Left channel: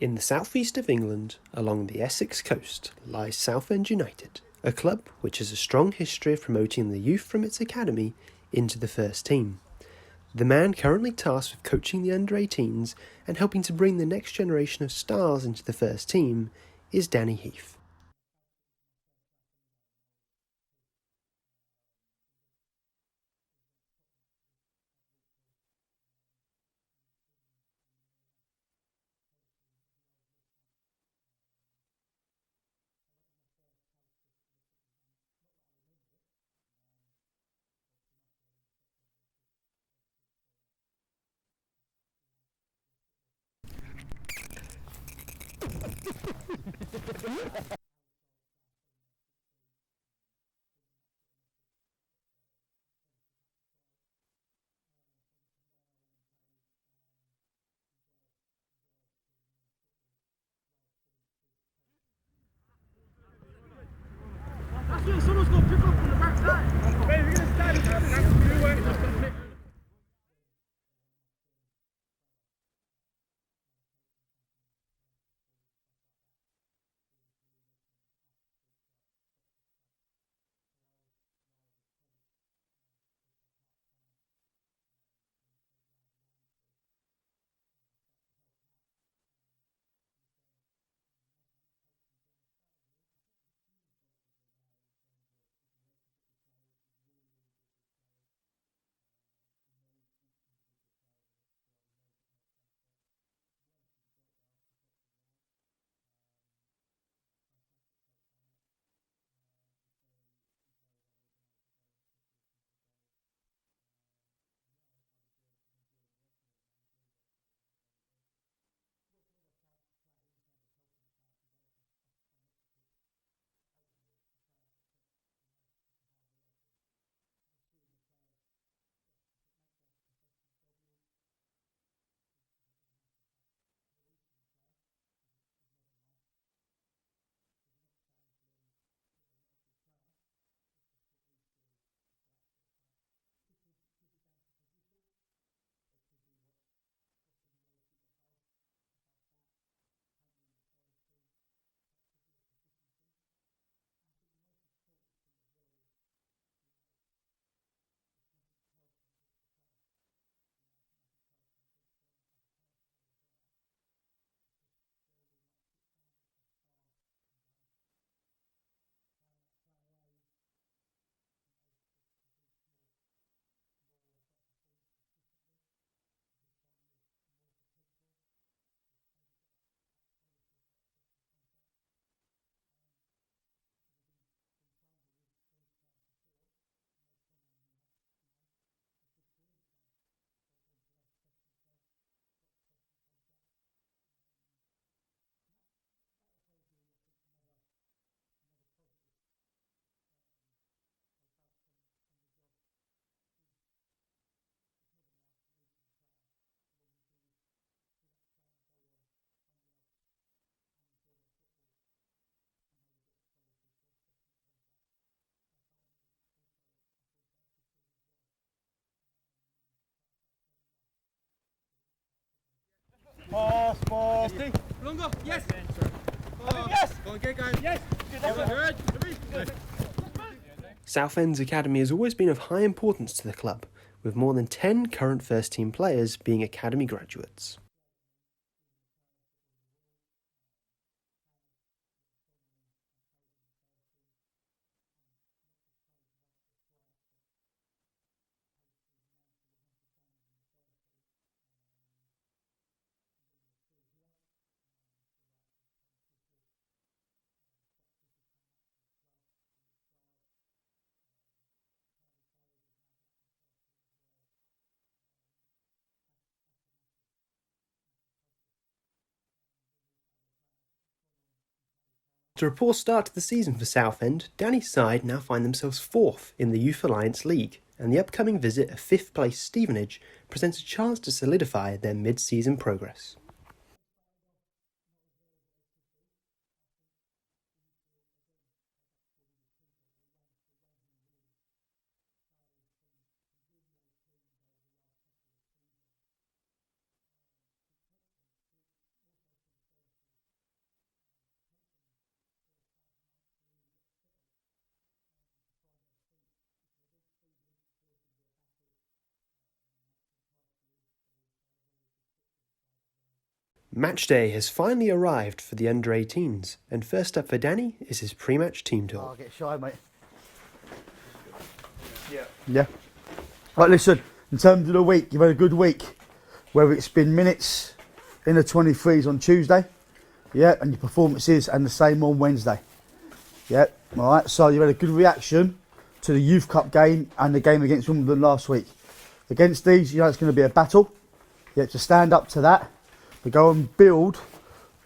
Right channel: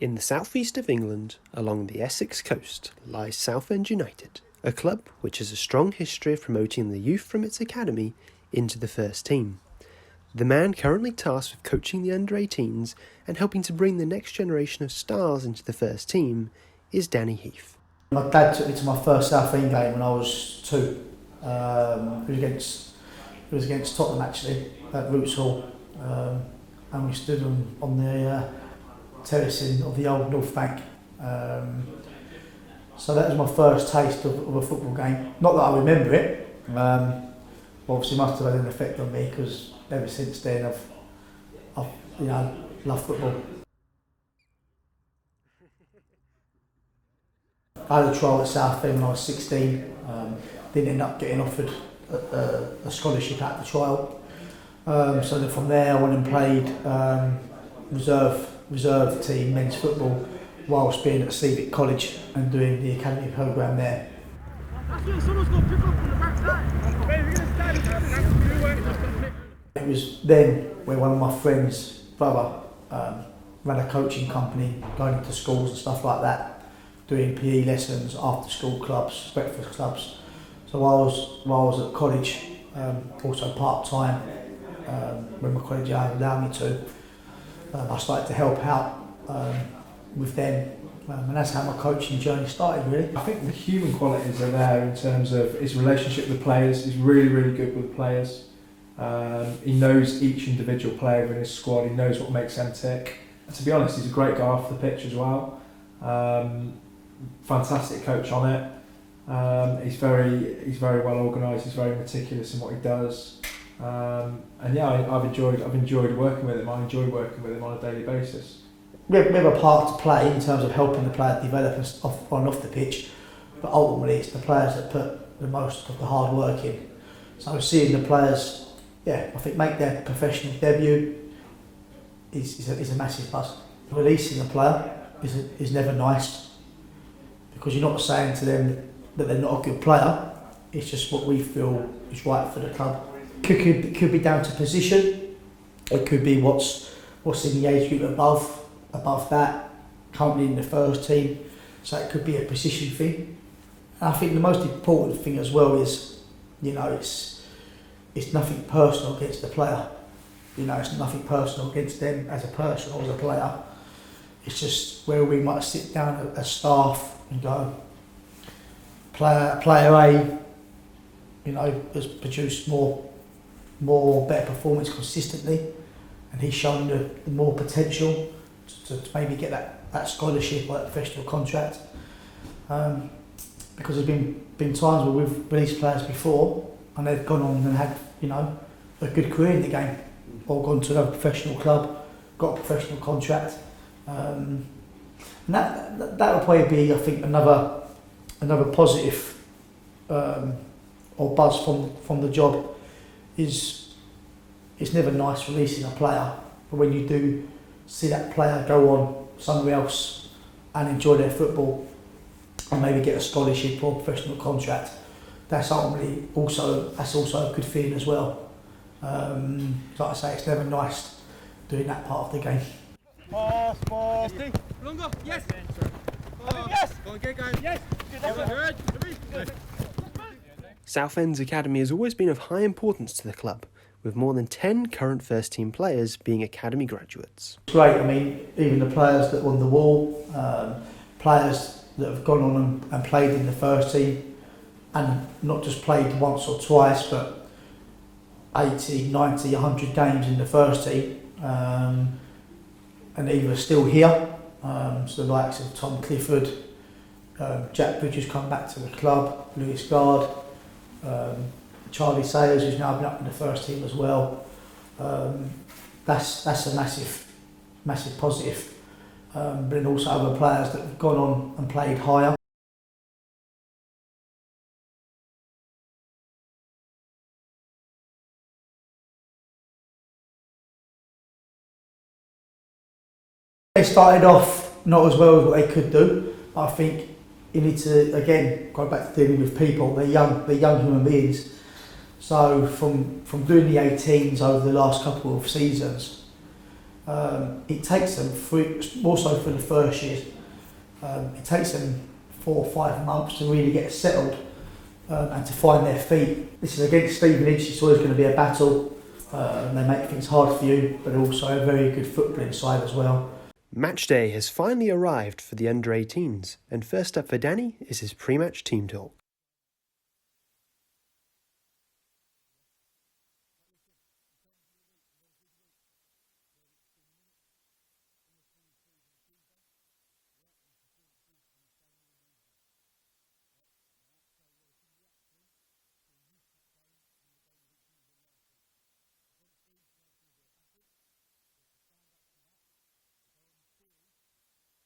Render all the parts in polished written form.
In the southeast of England, along the Essex coast, lies Southend United, a club which has a strong history of promoting the youth from its academy into the first team. The man currently tasked with coaching the under-18s and helping to bring the next generation of stars into the first team is Danny Heath. My dad took me to my first Southend game when I was 2. It was against Tottenham actually, at Roots Hall. And we stood on the terracing of the old North Bank. So that was my first taste of a football game. Not that I remember it, obviously must have had an effect on me because ever since then I've loved football. I had a trial at Southend when I was 16. Didn't end up getting offered a scholarship at the trial. So then from there I went and played reserve team men's football whilst being at Civic College and doing the academy programme there. It was then where one of my friends' brother ran a coaching company, going into schools and stuff like that, doing PE lessons, after school clubs, breakfast clubs. So while I was at college, also part-time, when my college allowed me to, I started to help out with them, and that's how my coaching journey started, really. I think the human qualities are there in terms of his relationship with the players. He's really, really good with the players. He knows each individual player in his squad. He knows what makes them tick. And to be honest, he's a great guy off the pitch as well. Fantastic coach on it. He's very well organised. He's very meticulous in what he does. And yeah, I've enjoyed working with him. I enjoy working with him on a daily basis. We have a part to play in terms of helping the player develop on and off the pitch, but ultimately it's the players that put the most of the hard work in. So seeing the players, I think make their professional debut is a massive plus. Releasing a player is never nice, because you're not saying to them that they're not a good player. It's just what we feel is right for the club. It could be down to position. It could be what's in the age group above that, currently in the first team. So it could be a position thing. And I think the most important thing as well is, it's nothing personal against the player. It's nothing personal against them as a person or as a player. It's just where we might sit down as staff and go, player A, has produced better performance consistently, and he's shown the more potential to maybe get that scholarship or that professional contract. Because there's been times where we've released players before and they've gone on and had a good career in the game, or gone to another professional club, got a professional contract, and that would probably be, I think, another positive or buzz from the job. It's never nice releasing a player, but when you do see that player go on somewhere else and enjoy their football and maybe get a scholarship or a professional contract, that's also a good feeling as well. Like I say, it's never nice doing that part of the game. Pass. Longer. Yes. Yes. Go and get going. Yes. Good. Southend's academy has always been of high importance to the club, with more than 10 current first team players being academy graduates. It's great. I mean, even the players that were on the wall, players that have gone on and played in the first team, and not just played once or twice, but 80, 90, 100 games in the first team, and either still here, so the likes of Tom Clifford, Jack Bridges come back to the club, Lewis Gard, Charlie Sayers, who's now been up in the first team as well. That's a massive positive. But then also other players that have gone on and played higher. After a poor start to the season for Southend, Danny's side now find themselves 4th in the Youth Alliance League, and the upcoming visit of 5th place Stevenage presents a chance to solidify their mid-season progress. They started off not as well as what they could do, but I think you need to, again, go back to dealing with people. They're young human beings. So from doing the 18s over the last couple of seasons, It takes them more so for the first years. It takes them 4 or 5 months to really get settled and to find their feet. This is against Stevenage. It's always going to be a battle. They make things hard for you, but also a very good footballing side as well. Match day has finally arrived for the under-18s, and first up for Danny is his pre-match team talk. Get shy, mate. Yeah. Right, listen, in terms of the week, you've had a good week. Whether it's been minutes in the 23s on Tuesday, yeah, and your performances and the same on Wednesday. Yeah, all right, so you've had a good reaction to the Youth Cup game and the game against Wimbledon last week. Against these, you know it's going to be a battle. You have to stand up to that, but go and build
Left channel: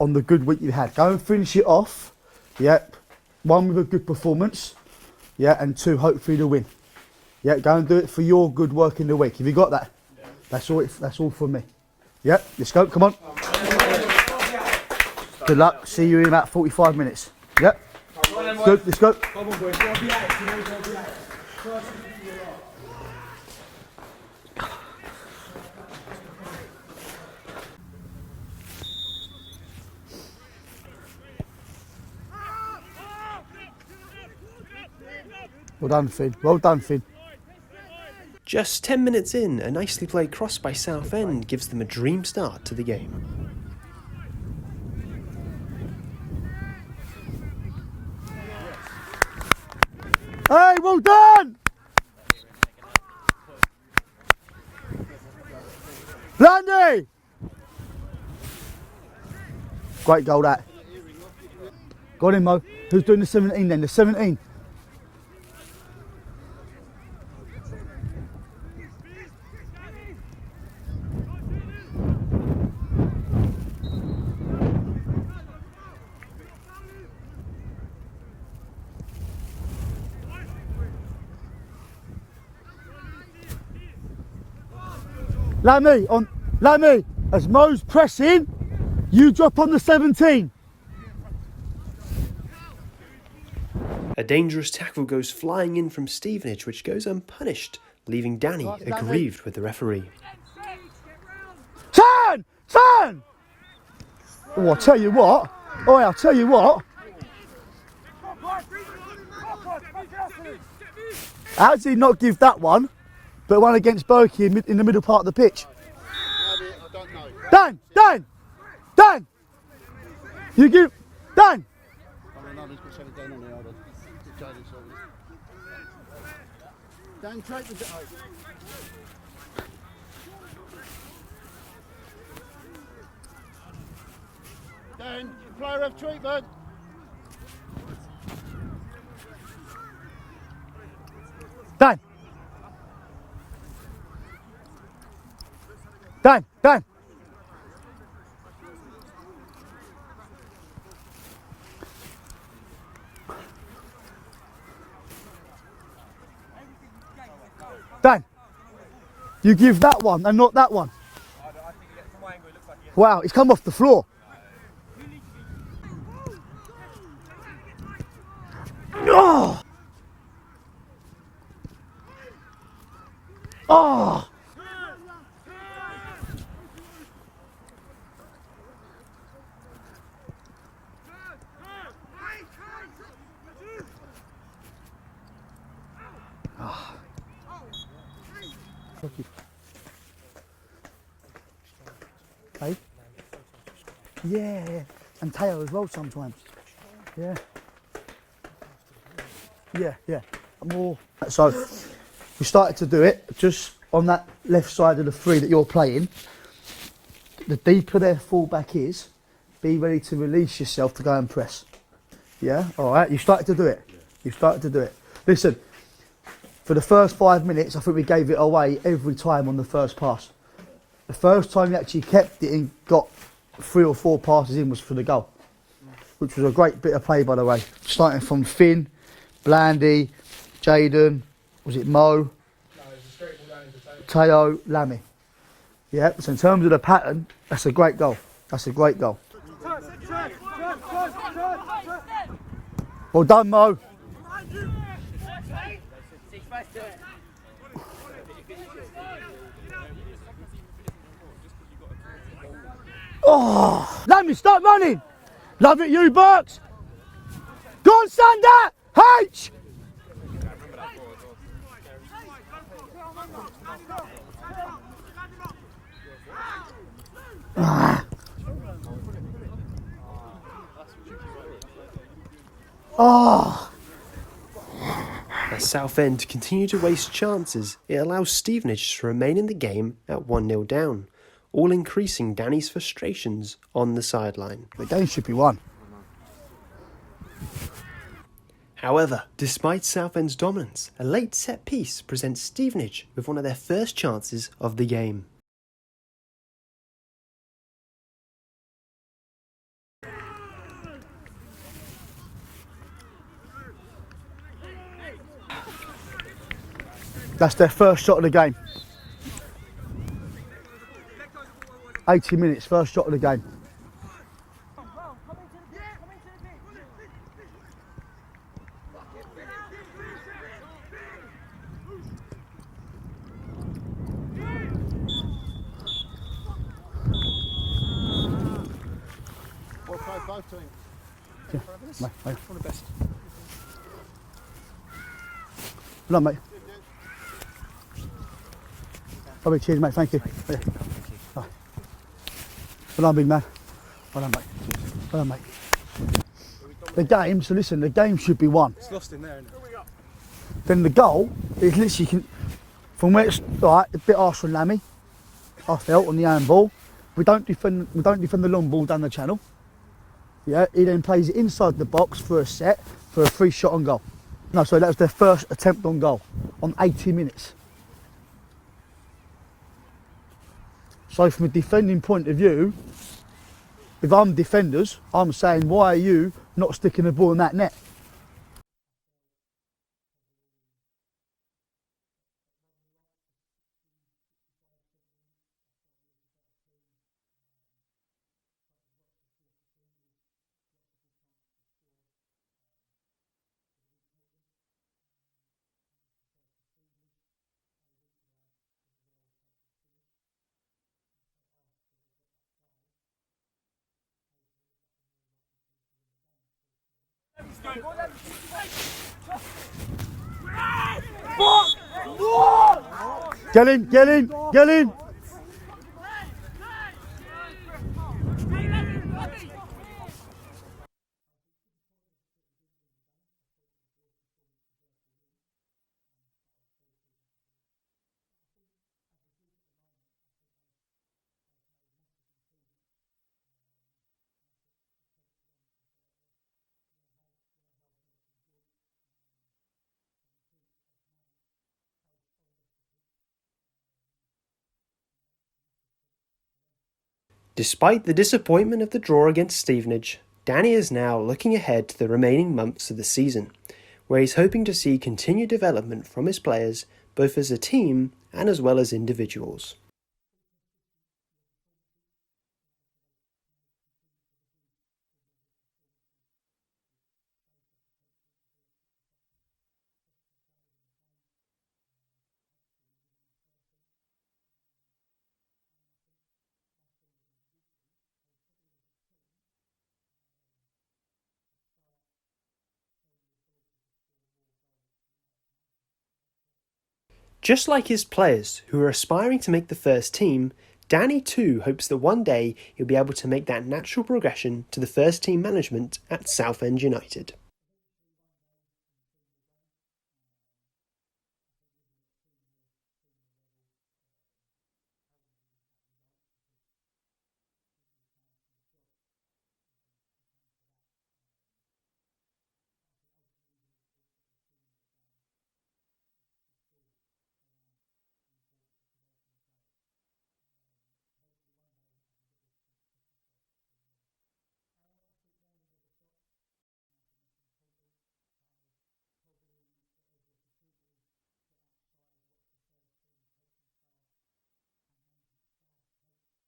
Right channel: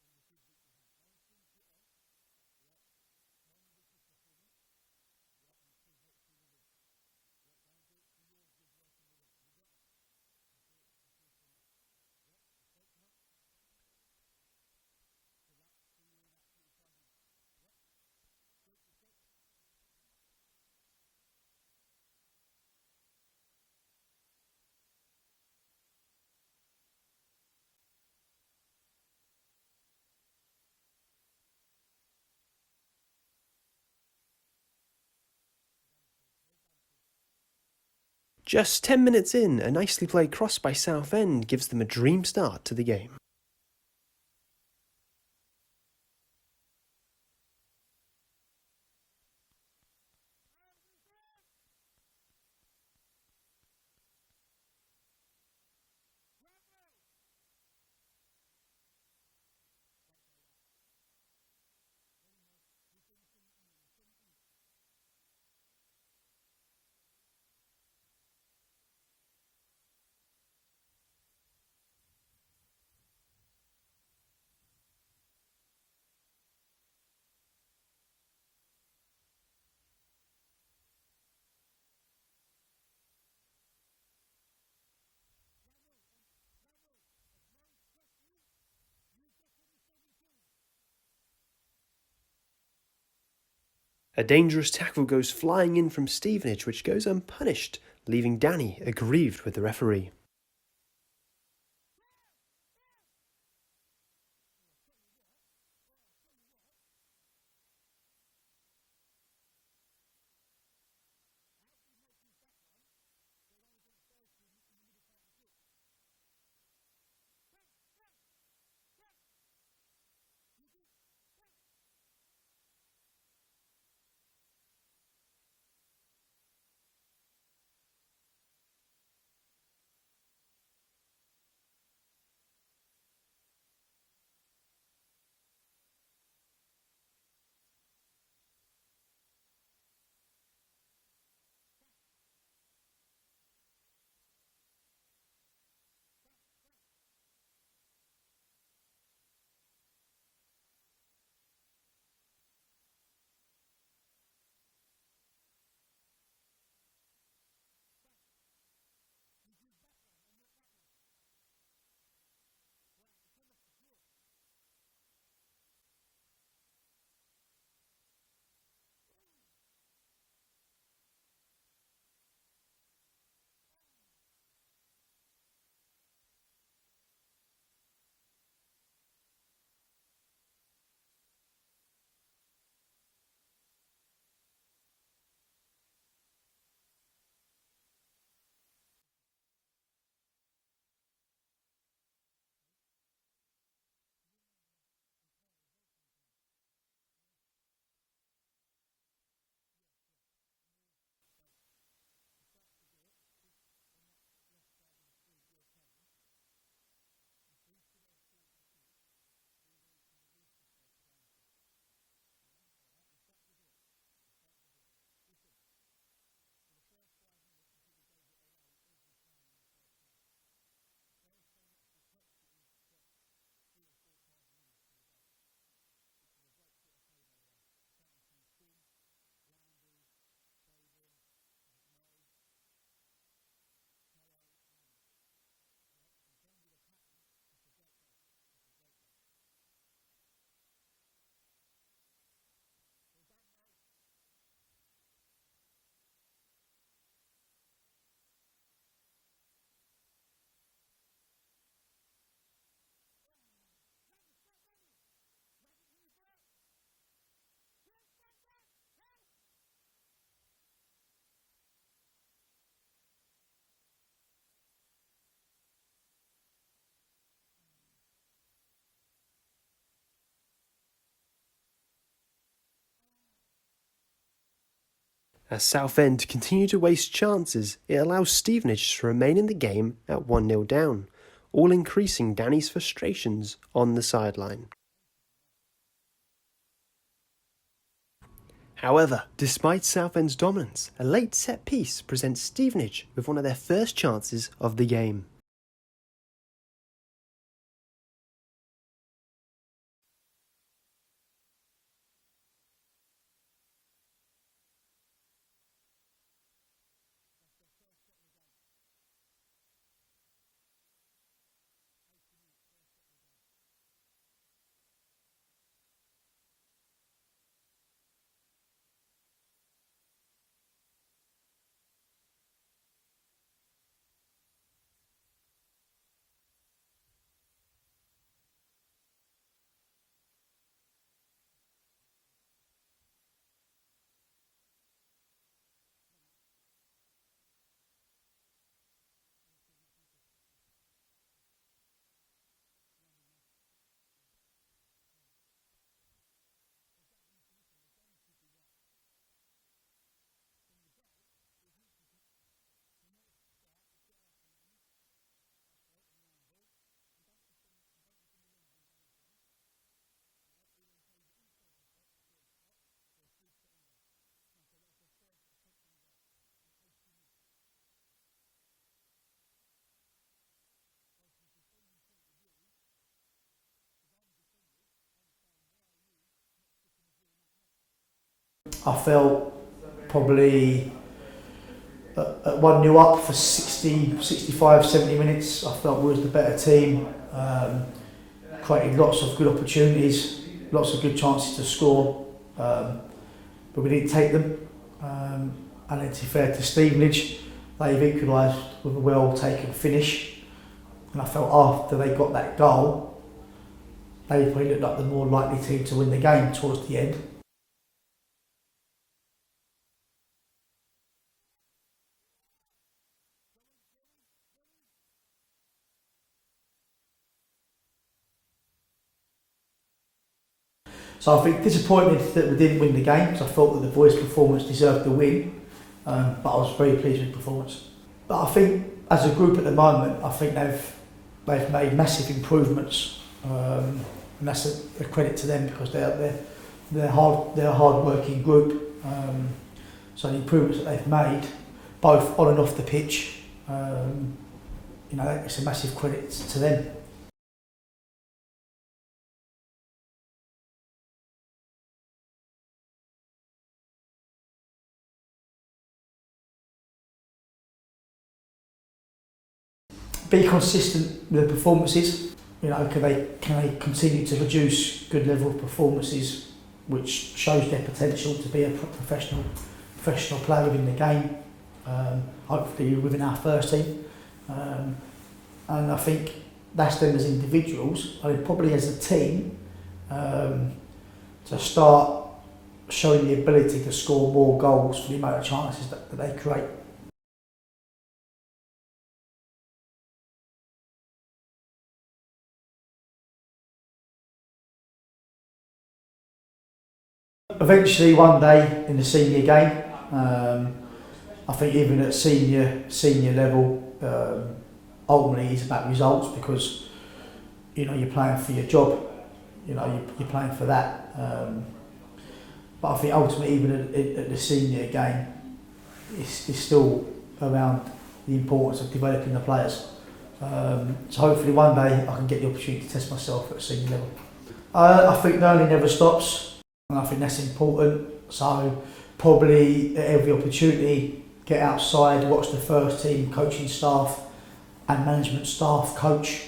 on the good week you've had. Go and finish it off, yeah, 1 with a good performance, yeah, and 2, hopefully the win. Yeah, go and do it for your good work in the week. Have you got that? Yeah. That's all from me. Yeah, let's go, come on. Good luck, see you in about 45 minutes. Yeah, good, let's go. Well done, Finn. Well done, Finn. Just 10 minutes in, a nicely played cross by Southend gives them a dream start to the game. Hey, well done! Landy! Great goal, that. Go on in, Mo. Who's doing the 17 then? The 17? Lammy, as Mo's pressing, you drop on the 17. A dangerous tackle goes flying in from Stevenage, which goes unpunished, leaving Danny aggrieved with the referee. Son! Oh, I'll tell you what. How did he not give that one, but one against Berkey in the middle part of the pitch? Dan! You give... Dan! Dan, player of treatment. Dan! Dan, you give that one and not that one. Wow, he's come off the floor. Oh! Oh! Hey? Yeah, and Teo as well sometimes. Yeah. More. So we started to do it just on that left side of the 3 that you're playing. The deeper their fullback is, be ready to release yourself to go and press. Yeah, all right. You started to do it. Listen, for the first 5 minutes, I think we gave it away every time on the first pass. The first time you actually kept it and got 3 or 4 passes in was for the goal, which was a great bit of play, by the way. Starting from Finn, Blandy, Jaden, was it Mo? No, it was a straight ball down into Teo, Lammy. Yeah, so in terms of the pattern, that's a great goal. Well done, Mo. Oh, Lammy, start running. Love it, you Burks. Go on, Sander. H. Oh. As Southend continue to waste chances, it allows Stevenage to remain in the game at 1-0 down, all increasing Danny's frustrations on the sideline. The game should be won. However, despite Southend's dominance, a late set piece presents Stevenage with one of their first chances of the game. That's their first shot of the game. 80 minutes, first shot of the game. Both teams. Mate, mate. One of the best. Well done, mate. Lovely, cheers, mate. Thank you. Yeah. Right. Well done, big man. Well done, mate. Well done, mate. The game, so listen, the game should be won. It's lost in there, isn't it? Then the goal is literally from where it's right, a bit harsh from Lammy. I felt on the handball. We don't defend the long ball down the channel. Yeah, he then plays it inside the box for a set for a free shot on goal. No, sorry, that was their first attempt on goal on 80 minutes. So from a defending point of view, if I'm defenders, I'm saying, why are you not sticking the ball in that net? I felt probably at 1-0 up for 60, 65, 70 minutes. I felt we was the better team. Created lots of good opportunities, lots of good chances to score, but we didn't take them. And then to be fair to Stevenage, they've equalised with a well-taken finish. And I felt after they got that goal, they probably looked like the more likely team to win the game towards the end. Get in, get in, get in! So I think disappointed that we didn't win the game, because I thought that the boys' performance deserved the win, but I was very pleased with the performance. But I think as a group at the moment, I think they've made massive improvements, and that's a credit to them, because they're a hard-working group. So the improvements that they've made, both on and off the pitch, it's a massive credit to them. Despite the disappointment of the draw against Stevenage, Danny is now looking ahead to the remaining months of the season, where he's hoping to see continued development from his players, both as a team and as well as individuals. Be consistent with the performances. Can they continue to produce good level of performances, which shows their potential to be a professional player within the game, hopefully within our first team. And I think that's them as individuals. I think probably as a team, to start showing the ability to score more goals for the amount of chances that they create. Just like his players who are aspiring to make the first team, Danny too hopes that one day he'll be able to make that natural progression to the first team management at Southend United. Eventually one day in the senior game, I think even at senior level, ultimately it's about results, because you're playing for your job, you're playing for that. But I think ultimately even at the senior game, it's still around the importance of developing the players. So hopefully one day I can get the opportunity to test myself at a senior level. I think learning never stops, and I think that's important. So probably at every opportunity, get outside, watch the first team coaching staff and management staff coach,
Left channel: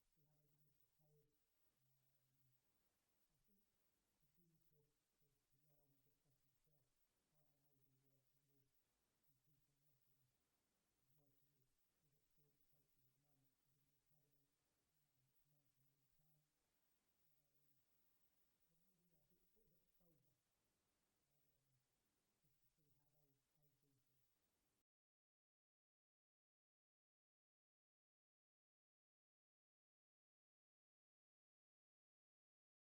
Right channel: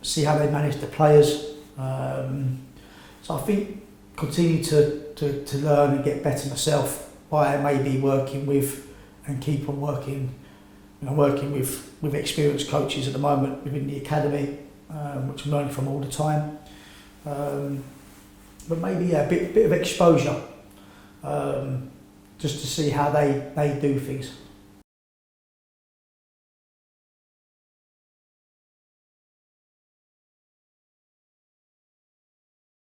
see how they manage the players. So I think continue to learn and get better myself by maybe working with and keep on working with experienced coaches at the moment within the academy, which I'm learning from all the time. But maybe a bit of exposure, just to see how they do things.